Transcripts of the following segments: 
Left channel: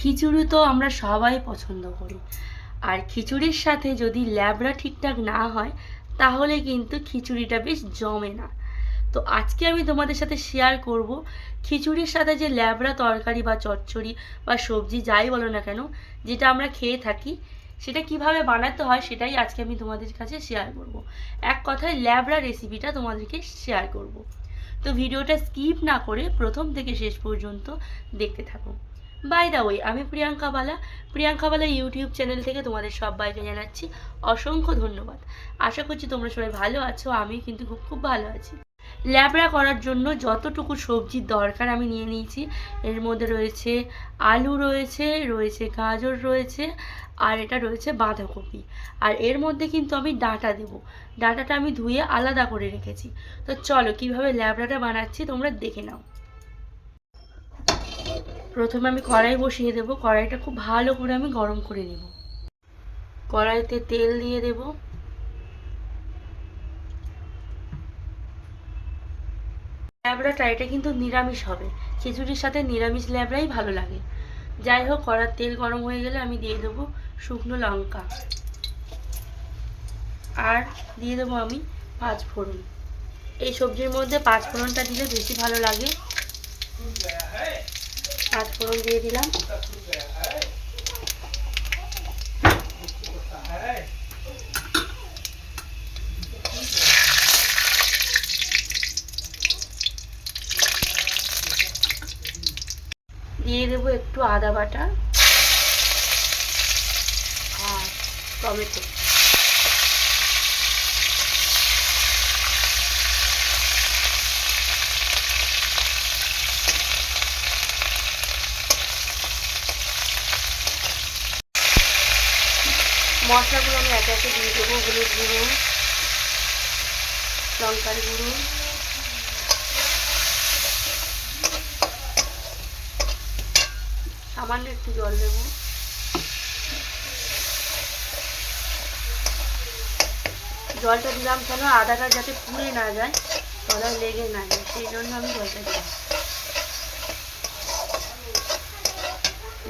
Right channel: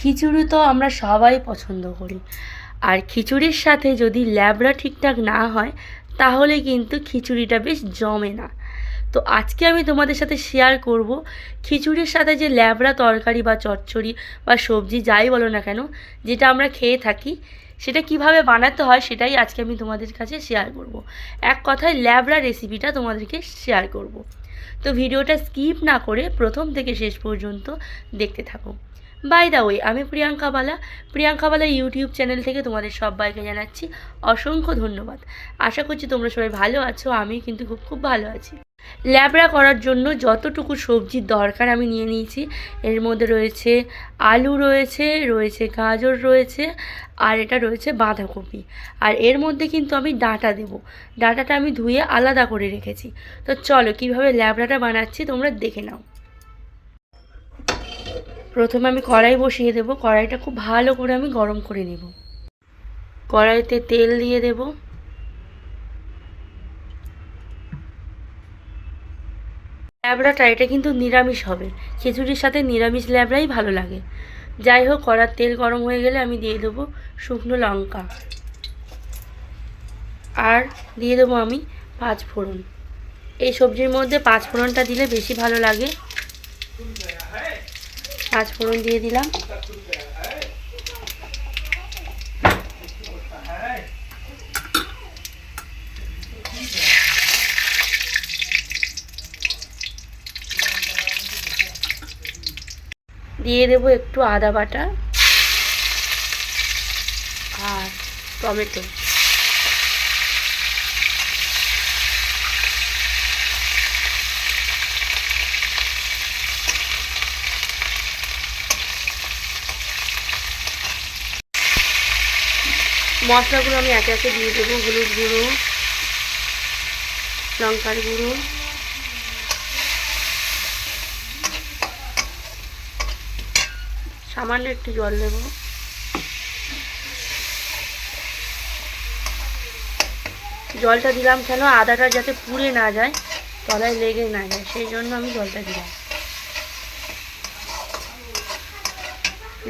খিচুড়ি তো আমরা সবাই পছন্দ করি, আর খিচুড়ির সাথে যদি ল্যাবড়া ঠিকঠাক না হয় তাহলে কিন্তু খিচুড়িটা বেশ জমে না। তো আজকে আমি তোমাদের সাথে শেয়ার করব খিচুড়ির সাথে যে ল্যাবড়া তরকারি বা চচ্চড়ি বা সবজি যাই বলো না কেন, যেটা আমরা খেয়ে থাকি, সেটা কিভাবে বানাতে হয় সেটাই আজকে আমি তোমাদের কাছে শেয়ার করব। এক কথায় ল্যাবড়া রেসিপিটা তোমাদেরকে শেয়ার করব। তো ভিডিওটা স্কিপ না করে প্রথম থেকে শেষ পর্যন্ত দেখতে থাকো। বাই দ্য ওয়ে, আমি প্রিয়াঙ্কা বালা ইউটিউব চ্যানেল থেকে তোমাদের সবাইকে জানাচ্ছি অসংখ্য ধন্যবাদ। আশা করছি তোমরা সবাই ভালো আছো, আমি কিন্তু খুব খুব ভালো আছি। ল্যাবড়া করার জন্য যতটুকু সবজির দরকার আমি নিয়ে নিয়েছি, এর মধ্যে রয়েছে আলু, রয়েছে গাজর, আর এটা রয়েছে বাঁধাকপি। আর এর মধ্যে কিন্তু আমি ডাঁটা দেবো। ডাঁটাটা আমি ধুয়ে আলাদা করে রেখেছি। তো চলো কীভাবে ল্যাবড়াটা বানাচ্ছি তোমরা দেখে নাও। প্রথমে আমি কড়াই বসিয়ে দেবো। কড়াইটা খুব ভালো করে আমি গরম করে নেব। কড়াইতে তেল দিয়ে দেবো। ল্যাবড়াটা এটা কিন্তু নিরামিষ হবে, খিচুড়ির সাথে নিরামিষ ল্যাবড়াই ভালো লাগে। যাই হোক, কড়ার তেল গরম হয়ে গেলে আমি দিয়ে দেবো শুকনো লঙ্কা, আর দিয়ে দেবো আমি 5 ফোড়ন। এই সবজির মধ্যে 5 ফোড়নটা দিলে বেশি ভালো লাগে। 5 ফোড়ন দিয়ে দিলাম। দিয়ে দেবো একটু আদা বাটা আর টমেটো। মশলাগুলো আমি একে একে দিয়ে দেবো। হলুদ গুঁড়ো, লঙ্কার গুঁড়ো, সামান্য একটু জল দেবো। জলটা দিলাম কেন, আদাটা যাতে পুড়ে না যায়, তলায় লেগে না যায়, সেই জন্য আমি জলটা দিলাম।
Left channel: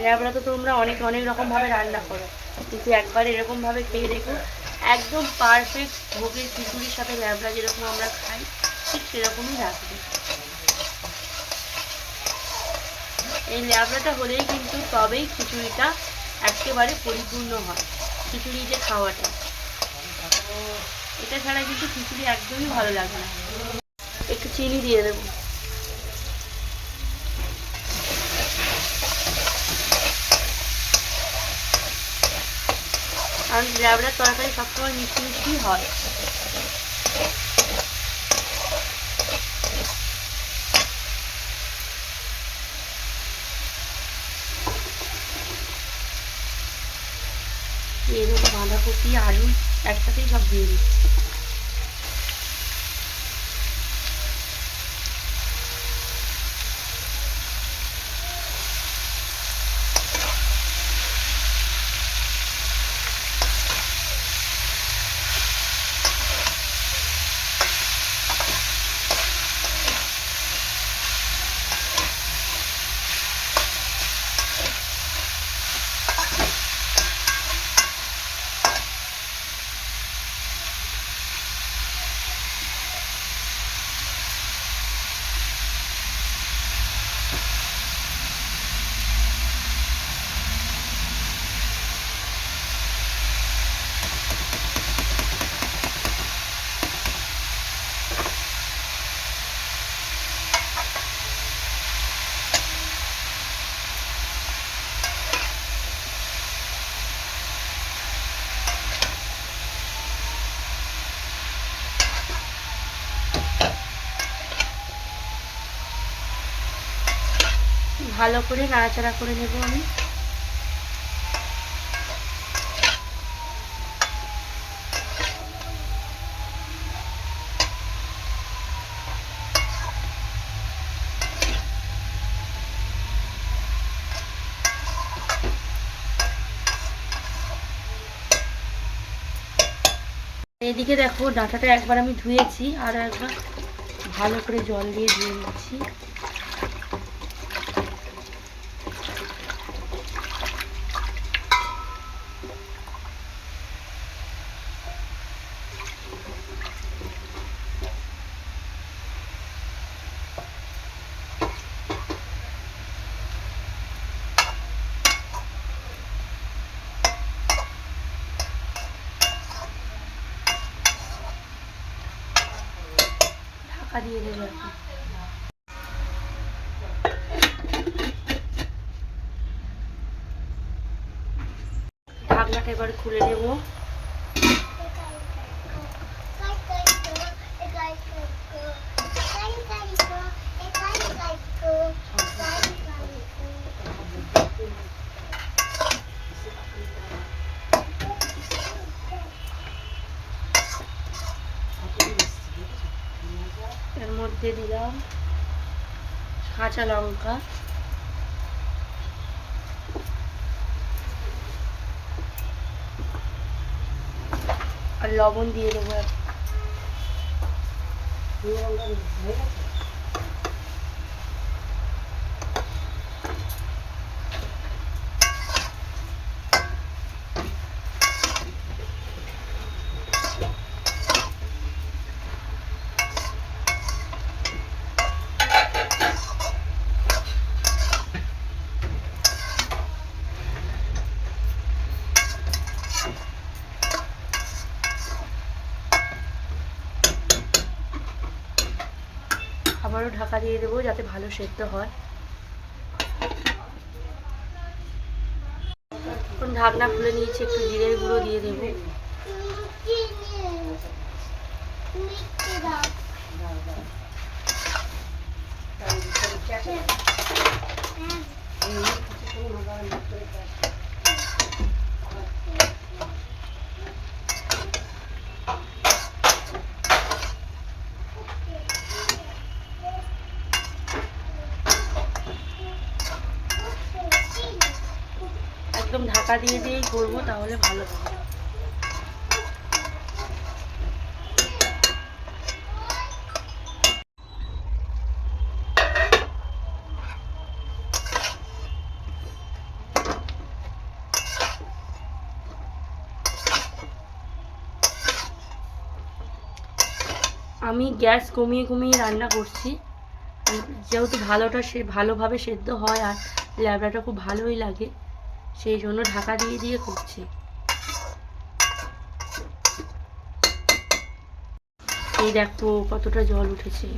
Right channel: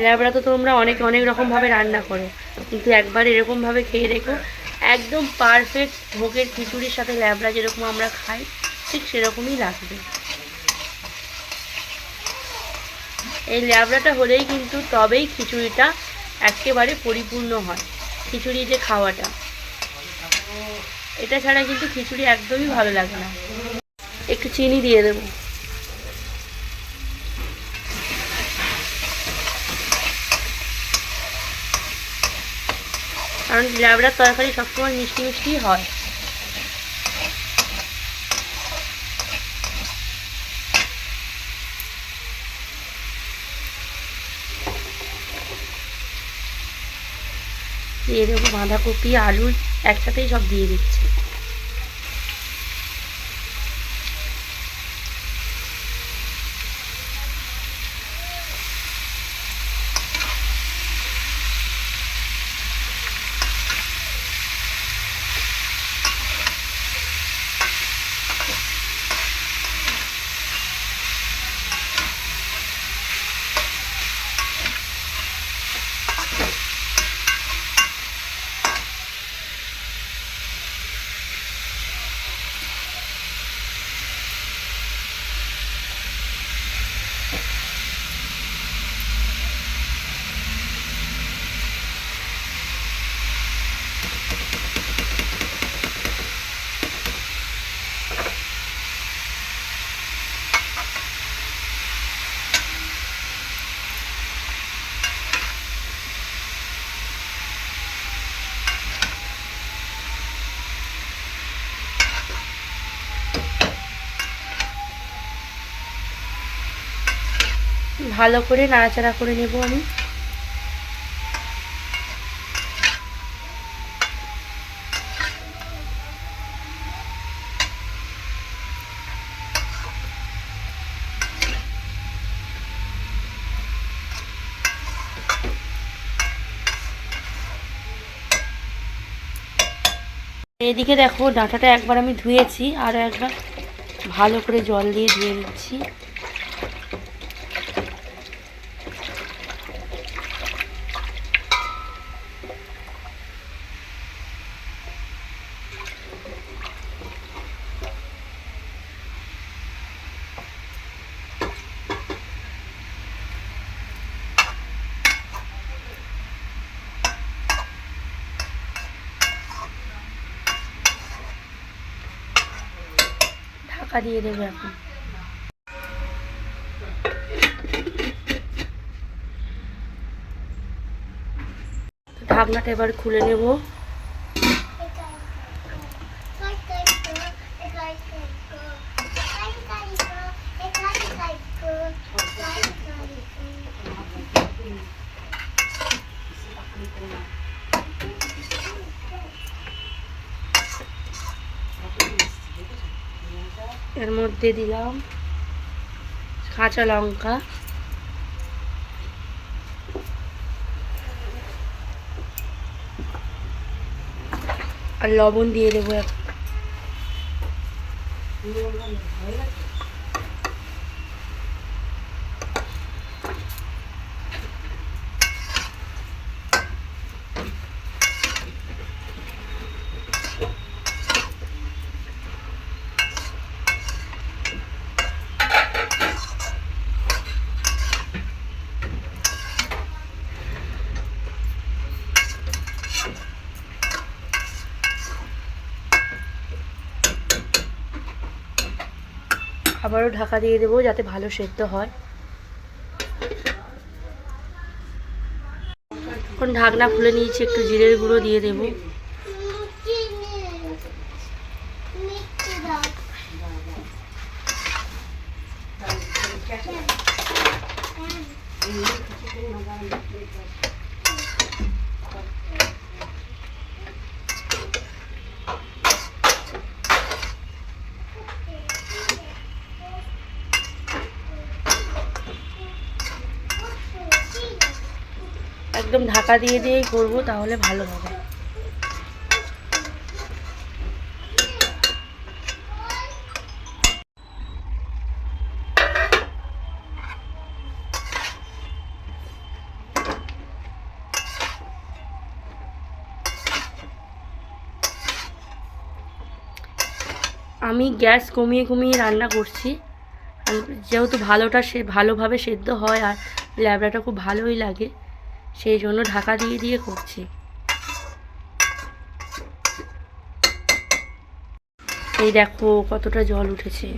ল্যাবড়া তো তোমরা অনেক অনেক রকমভাবে রান্না করো, কিন্তু একবার এরকমভাবে খেয়ে দেখো, একদম পারফেক্ট ভোগের খিচুড়ির সাথে ল্যাবড়া যেরকম আমরা খাই ঠিক সেরকমই লাগবে। এই ল্যাবড়াটা হলেই কিন্তু তবেই খিচুড়িটা একেবারে পরিপূর্ণ হয়, খিচুড়ি যে খাওয়াটা, এটা ছাড়া কিন্তু খিচুড়ি একদমই ভালো লাগে না। একটু চিনি দিয়ে দেবো। কারণ ল্যাবড়ার তরকারি সবসময় মিষ্টি মিষ্টি হয়। দিয়ে দেবো বাঁধাকপি, আলু একসাথেই সব দিয়ে দিচ্ছি। ভালো করে নাড়াচাড়া করে নেব আমি। এদিকে দেখো, ডাঁটাটা একবার আমি ধুয়েছি, আরও একবার ভালো করে জল দিয়ে ধুয়ে নিচ্ছি। ঢাকা দিয়ে দেবো এখন। ঢাকনাটা এবার খুলে নেব। এর মধ্যে দিলাম কাঁচা লঙ্কা, আর লবণ দিয়ে দেবো। আবারও ঢাকা দিয়ে দেবো যাতে ভালো সেদ্ধ হয়। এখন ঢাকনা খুলে নিয়েছি, একটু জিরের গুঁড়ো দিয়ে দেবো। একদম ঢাকা দিয়ে দিয়েই করবো, তাহলে ভালো হবে। আমি গ্যাস কমিয়ে কমিয়ে রান্না করছি, যেহেতু ভালোভাবে সেদ্ধ হয় আর ল্যাবড়াটা খুব ভালোই লাগে, সেই জন্য ঢাকা দিয়ে দিয়ে করছি। এই দেখো কতটা জল উঠেছে।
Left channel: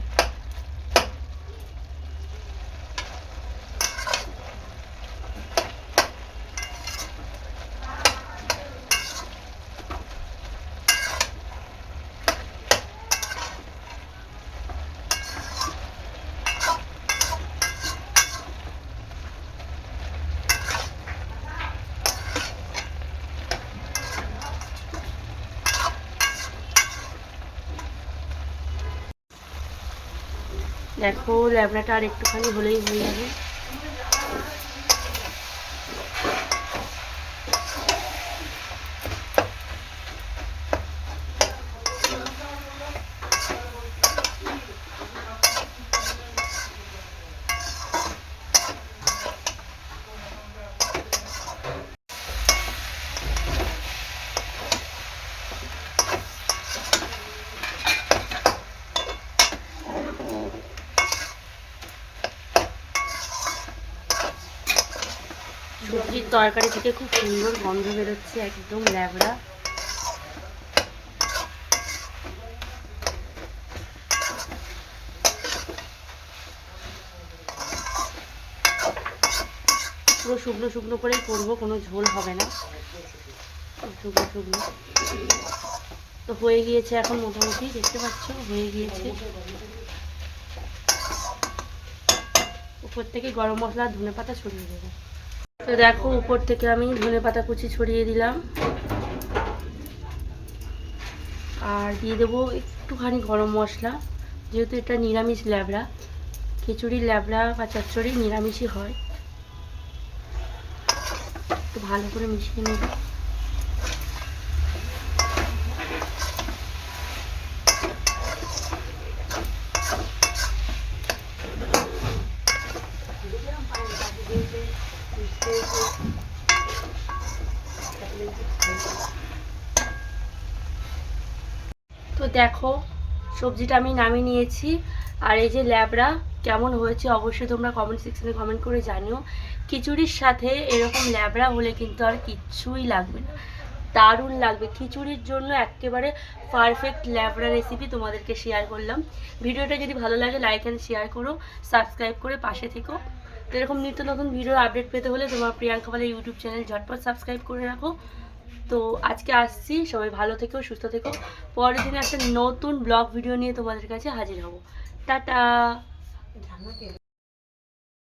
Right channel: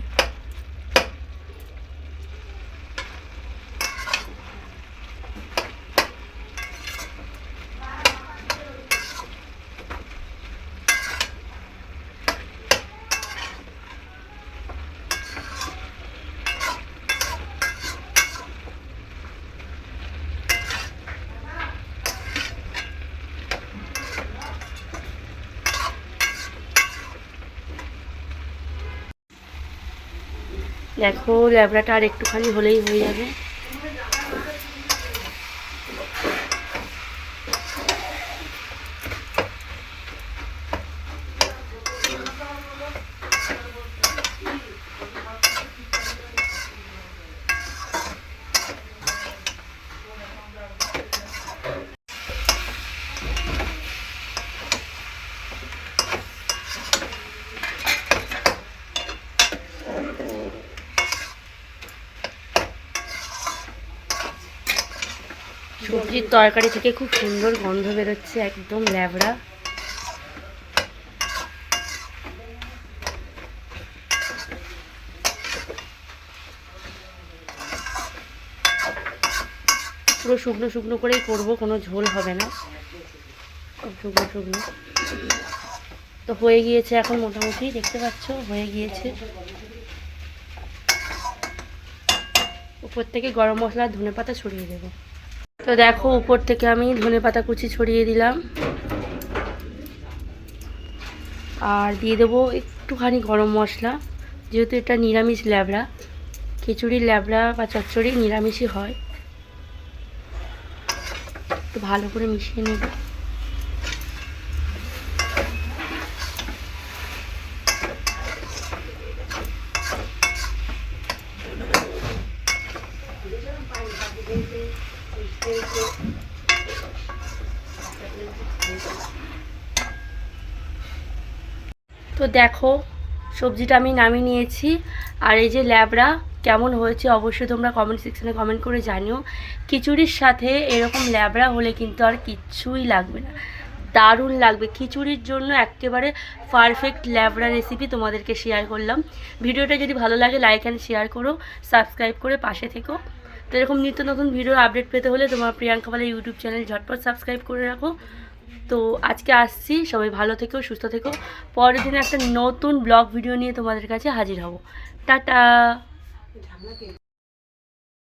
দেখো ল্যাবড়াটা আর একটুখানি হলেই হয়ে যাবে। সবজির তরকারি থেকে খুব সুন্দর গন্ধ বেরোচ্ছে, একদম ল্যাবড়া। পুরো শুকনো শুকনো করেই করবো, কোনো ঝোল হবে না, শুকনো শুকনো। তো হয়ে গিয়েছে এখন, মোটামুটি দেখতে পাচ্ছ হয়ে গিয়েছে। উপর থেকে গরম মশলা ধনেপাতা ছড়িয়ে দেবো। তো দেখো উপর থেকে আমি ধনেপাতা কুচি ছড়িয়ে দিলাম, আর দিয়ে দেবো একটুখানি গরম মশলা। যেহেতু এটা নিরামিষ ল্যাবড়া, খিচুড়ির ল্যাবড়া বা চচ্চড়ি নিরামিষই হয়। একটু ভালো করে মিশিয়ে নেব। তো দেখো সবজিটা আমি নামিয়ে নিয়েছি, আর এই যে ল্যাবড়া কেমন হয়েছে অবশ্যই তোমরা কমেন্ট সেকশনে কমেন্ট করে জানিও। খিচুড়ির সাথে এরকম ল্যাবড়া হলে কিন্তু আর কিচ্ছুই লাগবে না, দারুণ লাগবে। খিচুড়ির জন্য একেবারে পারফেক্ট ল্যাবড়া রেসিপি তোমাদেরকে শেয়ার করলাম। ভিডিওটা যদি ভালো লাগে লাইক অ্যান্ড শেয়ার করো, সাবস্ক্রাইব করে পাশে থেকো। তো এরকম নিত্য নতুন ভিডিওর আপডেট পেতে হলে তোমার প্রিয়াঙ্কা পালের ইউটিউব চ্যানেল ঝটপট সাবস্ক্রাইব করে রাখো। তো আজকে আসছি, সবাই ভালো থেকো, সুস্থ থেকো। পরের দিনে একটা নতুন ব্লগ ভিডিও নিয়ে তোমাদের কাছে হাজির হব। টাটা।